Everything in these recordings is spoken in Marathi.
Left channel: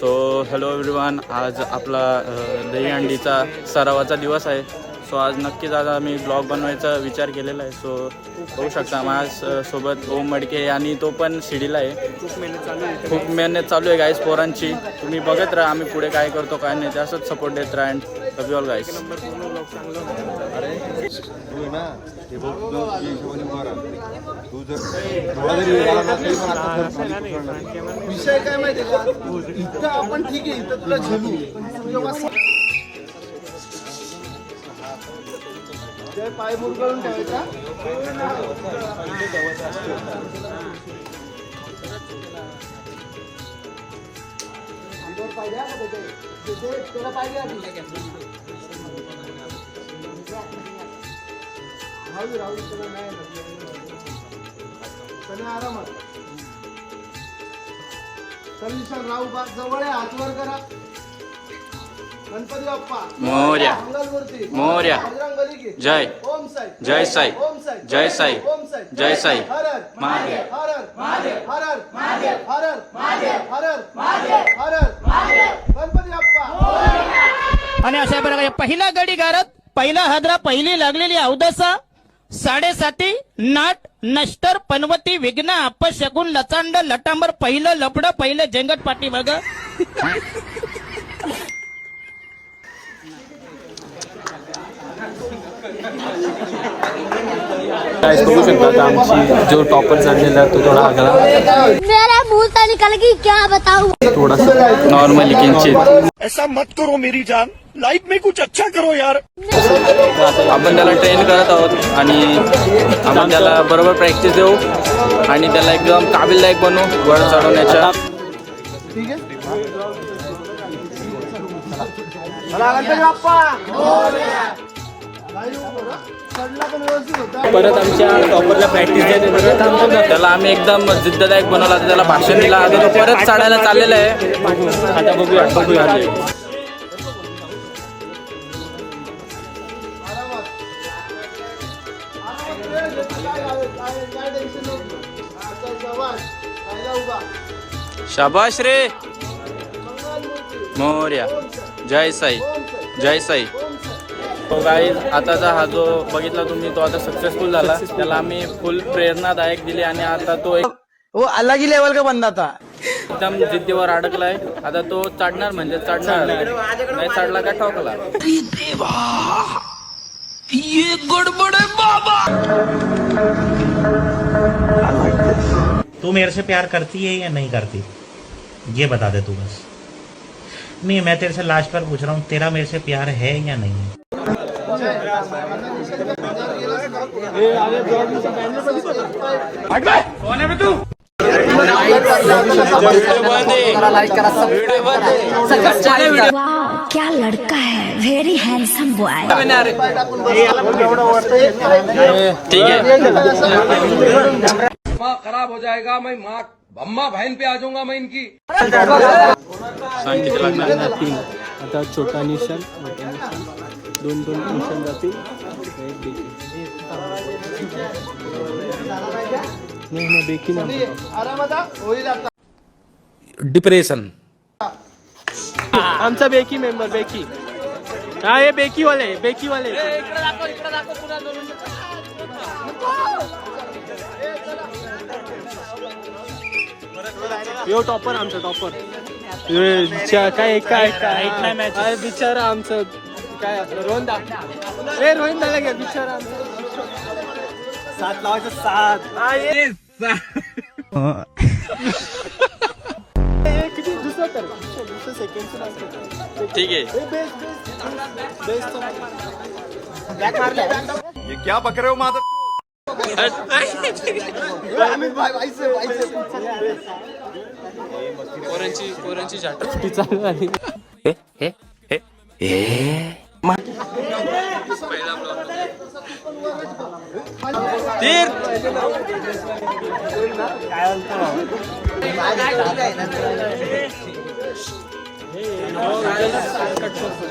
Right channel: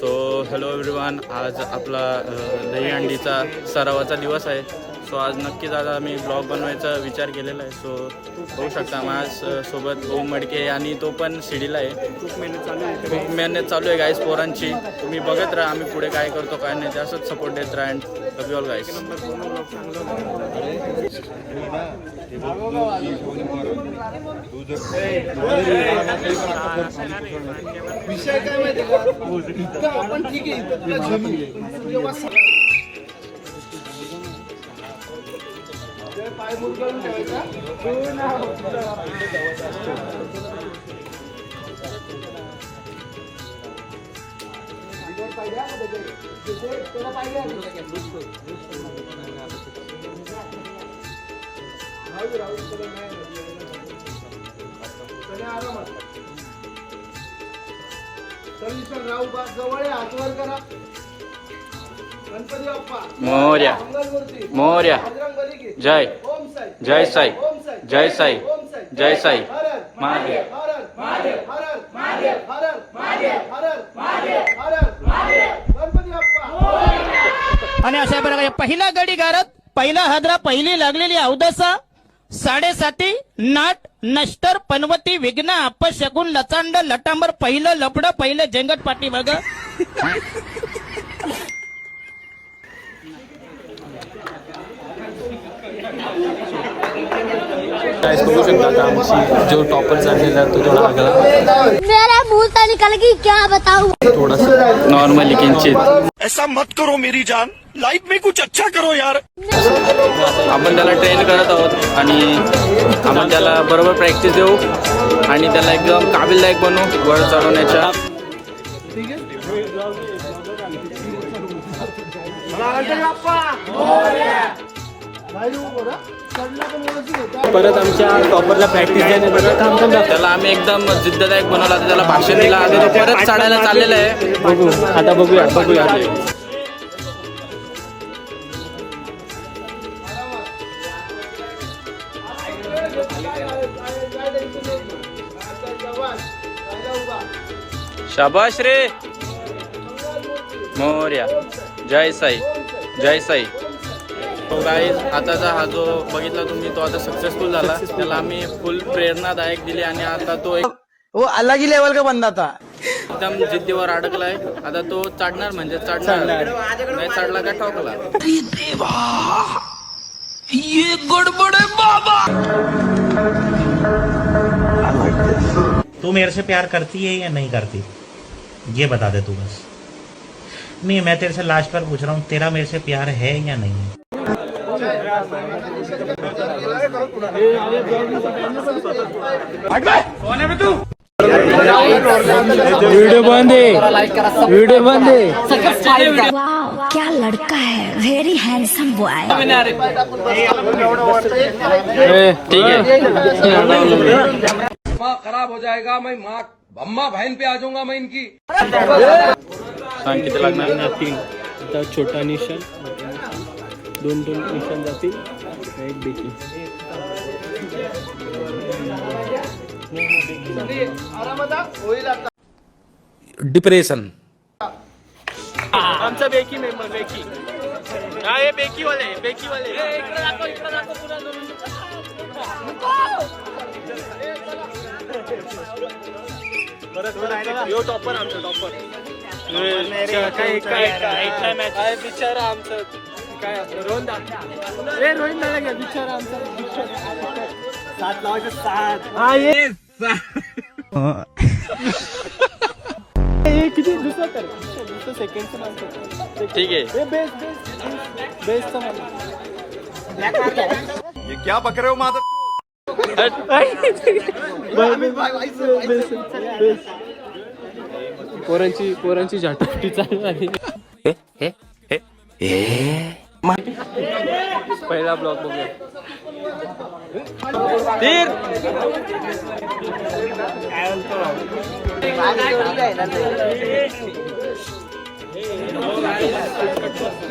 सो हॅलो एव्हरीवन, आज आपला दहीहंडीचा सरावाचा दिवस आहे. सो आज नक्कीच आज आम्ही ब्लॉग बनवायचा विचार केलेला आहे. सो बघू शकता माझ्या सोबत ओम मडके आणि तो पण शिडीला आहे. खूप मेहनत चालू आहे गाईस पोरांची. तुम्ही बघत राहा आम्ही पुढे काय करतो काय नाही, असंच सपोर्ट देत राहा. अँड लव यू ऑल गाईस. विषय काय माहिती का, इथं आपण ठीक आहे, इथं तुला झेलू पाय मुरगळून ठेवायचा. आरामात राहू बा जवळ आहे. हात वर करा. गणपती बाप्पा मोरया मोरया. जय जय साई जय साई जय साई. गणपती बाप्पा. आणि अशा प्रकारे पहिला गडी गारत, पहिला हादरा, पहिली लागलेली अवदसा, 7:30 नाट नष्टर पनवती विघ्न अपशगुन लचांड लटांबर, पहिलं लपड, पहिलं जंगट पाठी बघ. बघू शकता आता आमची जो टॉपर चाललेला तो थोडा आगला, मेरा मुंह से निकल गई, क्या बताऊं. थोडासा नॉर्मली किंचित. ऐसा मत करो मेरी जान, लाइफ में कुछ अच्छा करो यार. आपण त्याला ट्रेन करत आहोत आणि आपण त्याला बरोबर प्रॅक्टिस देऊ आणि त्याला एकदम काबिलदायक बनवू वर चढवण्याच्या. ठीक आहे. गणपती बाप्पा चढला पण व्यवस्थित होता. परत आमच्या टॉपरला प्रॅक्टिस द्यायची. परत आमच्या त्याला आम्ही एकदम जिद्ददायक बनवला, त्याला भाषण दिला. आता तो परत चढायला चाललेला आहे. आता बघूया बघूया. शाबाश रे मोरया. जय साई जय साई. तो गाईज आताचा हा जो बघितला तुम्ही तो आता सक्सेसफुल झाला. त्याला आम्ही फुल प्रेरणादायक दिली आणि आता तो वो अलग ही लेवल का बंदा था. एकदम जिद्दीवर अडकलाय. आता तो चढणार म्हणजे चढणार, नाही चढला का ठोकला. ये गड़बड़ है बाबा. तू मेरे से प्यार करती है या नहीं करती, ये बता दे तू बस. नहीं, मैं तेरे से लास्ट बार पूछ रहा हूँ, तेरा मेरे से प्यार है या नहीं है. कौन है बे तू. वाह, क्या लड़का है, वेरी हैंडसम बॉय. ठीक आहे. खराब हो जाएगा. मैं माँ अम्मा बहन पे आ जाऊंगा मैं इनकी. सांग किती लागणार. 3. आता छोटा निशाण, दोन निशाण जातील. एक बेकी डिप्रेशन. आमचा बेकी मेंबर बेकी. हा हे बेकी वाले यो टॉपर आमचा टॉपर. काय काय बिचारा आमचं काय रोहन नाही का बिचारा आमचा. 7 लावायचं 7. हा ये किती दुसरा तर दुसरं सेकंडचं. ठीक आहे. बेस्ट ब्लॅक मारता आहे. ये क्या बक रहे हो माधव. पोरांची झाटी चालू झाली. पहिला ब्लॉग बघूया.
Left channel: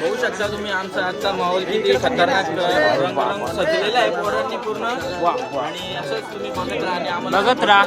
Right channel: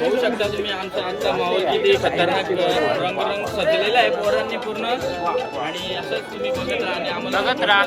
बघू शकता तुम्ही आमचा आजचा माहोल किती खतरनाक रंग सजलेला आहे पोरांनी पूर्ण. आणि असंच तुम्ही बघत राहा आणि आम्हाला बघत राहा.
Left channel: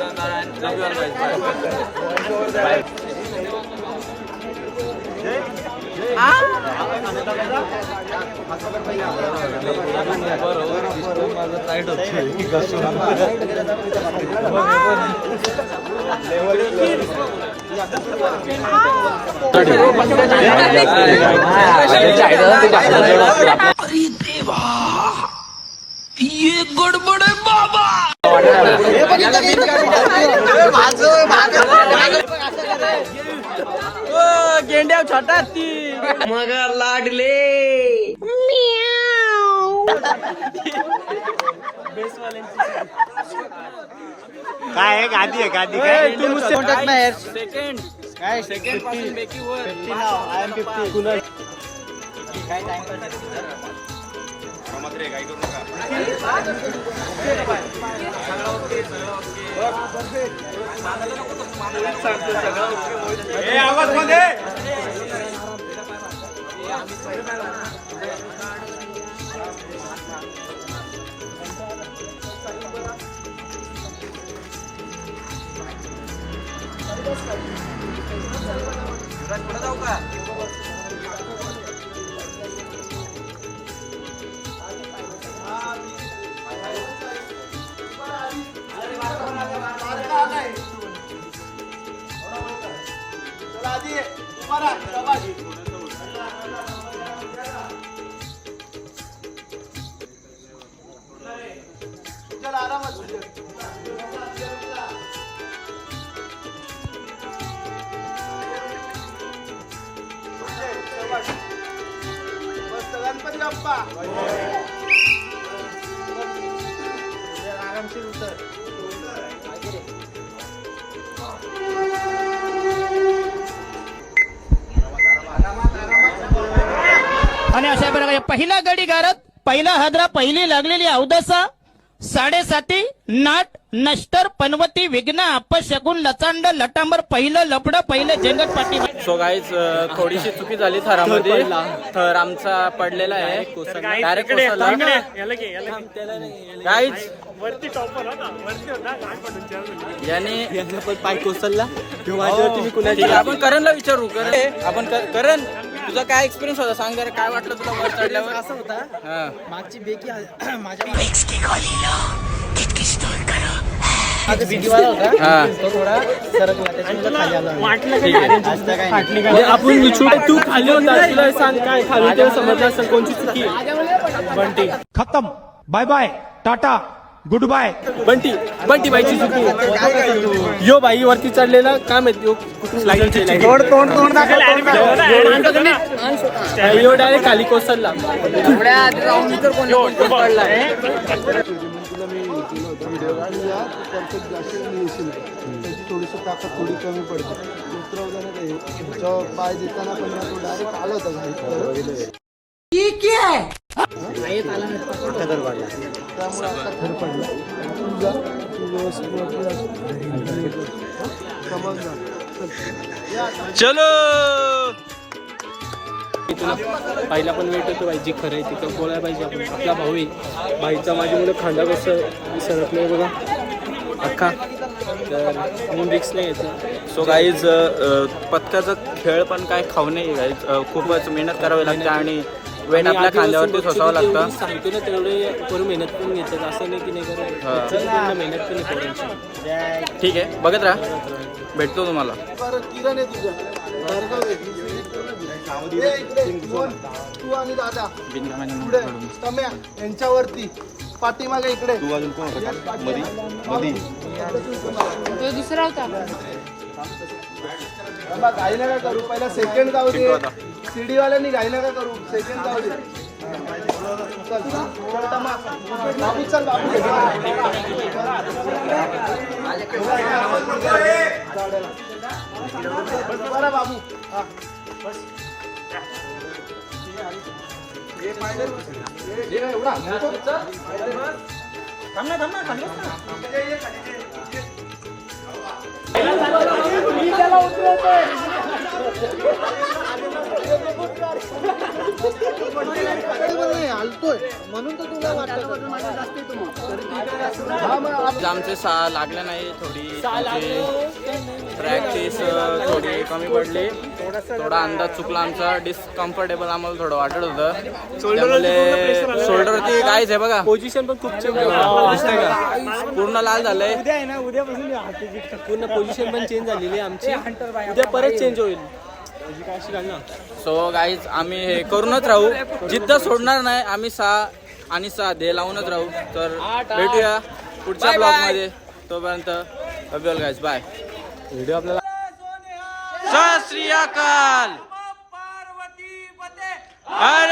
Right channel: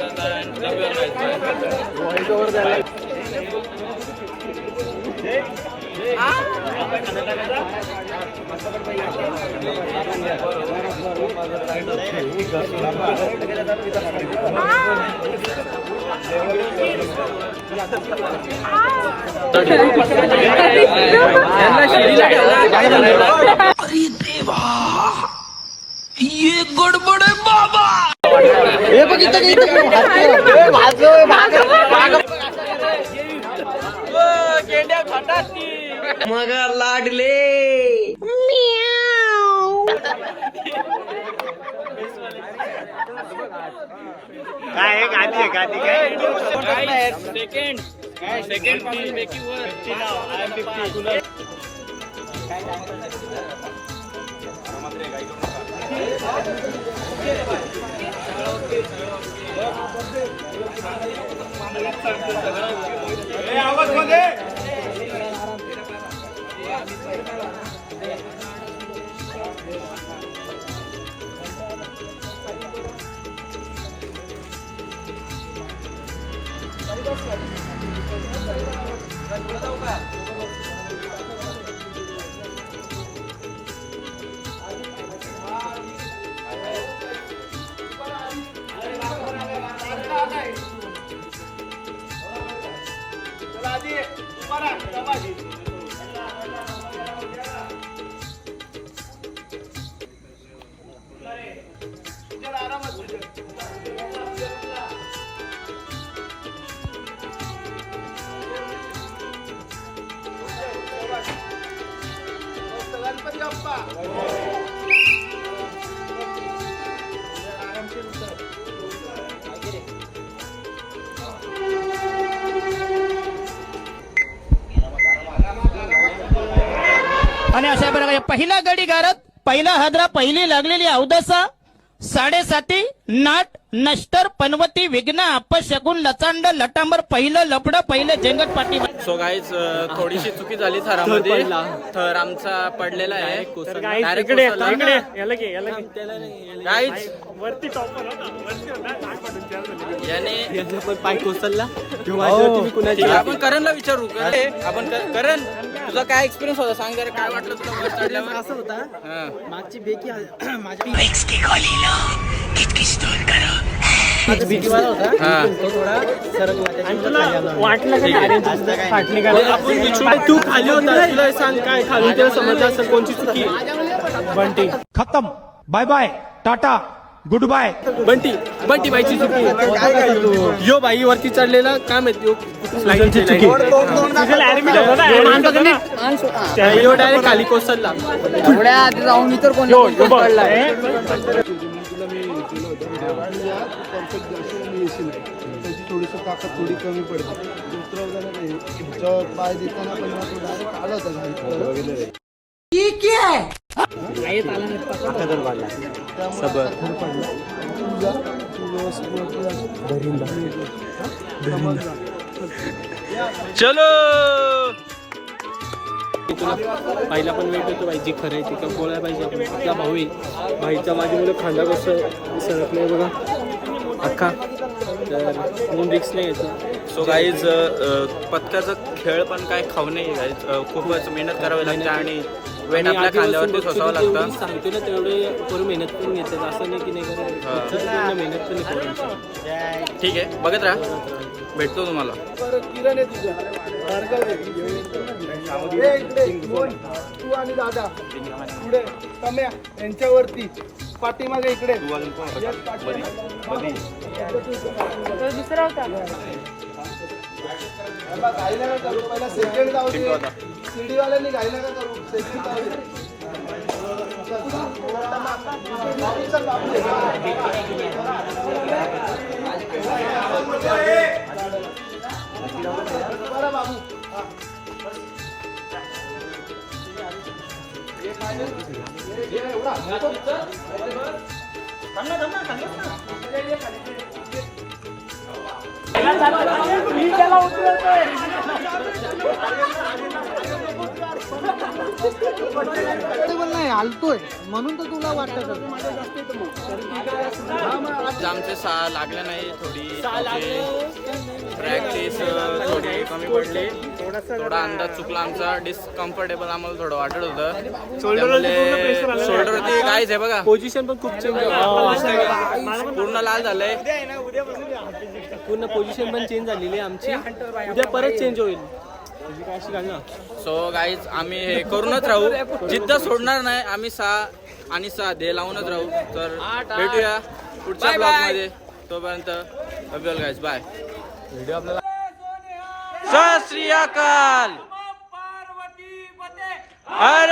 काय गादी आहे गादी काय सेकंड पासून बेकी वर आणि अशा प्रकारे पहिला गडी गारत पहिला हादरा पहिली लागलेली अवदसा 7.5 नाट नष्टर पनवती विघ्न अपशगुन लचांड लटांबर पहिलं लपड पहिलं जेंगट पाठी. सो गाईज थोडीशी चुकी झाली थरामध्ये. थर आमचा पडलेला आहे डायरेक्ट कोसळला. गाईज वरती टॉपर होता वरती होता घाट पडून याने याचा पण पाय कोसळला माझ्यावरती मी ठीक आहे, आपण करणला विचारू. आपण करण तुझा काय एक्सपिरियन्स होता सांग जरा. काय वाटलं तुला वर चढल्यावर? असं होता हा मागची बेकी माझ्या भीतीवाला होता हा तो थोडा सरकला त्याच्यामुळे खाली आला ठीक आहे. आपण तू खाली होता तुला सांग काय खाली तुला समजलं असेल कोणची चुकी बंटी खत्म बाय बाय टाटा गुड बाय. बंटी बाईची चुकी यो बाई वरती चढलेला काय माहिती लाईनची यो डायरेक्ट खाली कोसळला. त्याची थोडीशी ताकद थोडी कमी पडते. दुसऱ्या पाय देताना पण तो डायरेक्ट आला होता घाई. त्यामुळे थर पडला. तू व्यवस्थित चलो तुला पहिला पण वेट होतो बाईची खरं आहे तिथं बोलायला पाहिजे आपण. आपला भाऊ येईल भाईचा माझी मुलं खांदा कसं सरत नाही बघा अख्खा तर म्हणून रिक्स नाही यायचं. सो गाईज पत्त्याचा खेळ पण काय खाऊ नये गाईज. खूपच मेहनत करावी लागते आणि वेट आपल्या खांद्यावरती सोसावं लागतं. सांगते ना तेवढे करून मेहनत करून येतात असं नाही की नाही करत मेहनत पण पोरांची. ठीक आहे बघत राहा भेटतो तुम्हाला. किरण आहे तुझा भार्गव आहे. तू आणि दादा पुढे सम्या यांच्यावरती पाठीमागे इकडे दुसरा होता घाई नका करू. पहिला सेकंड जाऊ दे. सीडी वाल्यांनी घाई नका करू. सेकंड जाऊ दे. बरं बाबू हलतोय म्हणून तर तुला वाटतं माझ्या जास्त येतो. आमचे लागले नाही थोडी म्हणजे प्रॅक्टिस थोडी कमी पडली, थोडा अंदाज चुकला आमचा, डिस्कम्फर्टेबल आम्हाला थोडं वाटत होतं, त्यामुळे शोल्डरवरती काहीच आहे बघा, पोझिशन पण खूप पूर्ण लाल झालंय. पूर्ण पोझिशन पण चेंज झालेली आहे आमची, उद्या परत चेंज होईल. सो गाईज आम्ही हे करूनच राहू, जिद्द सोडणार नाही आम्ही. 6 आणि 6 ध्येय लावूनच राहू. तर भेटूया पुढच्या ब्लॉग मध्ये, तोपर्यंत लव यू गाईज, बाय. सत श्री अकाल. हर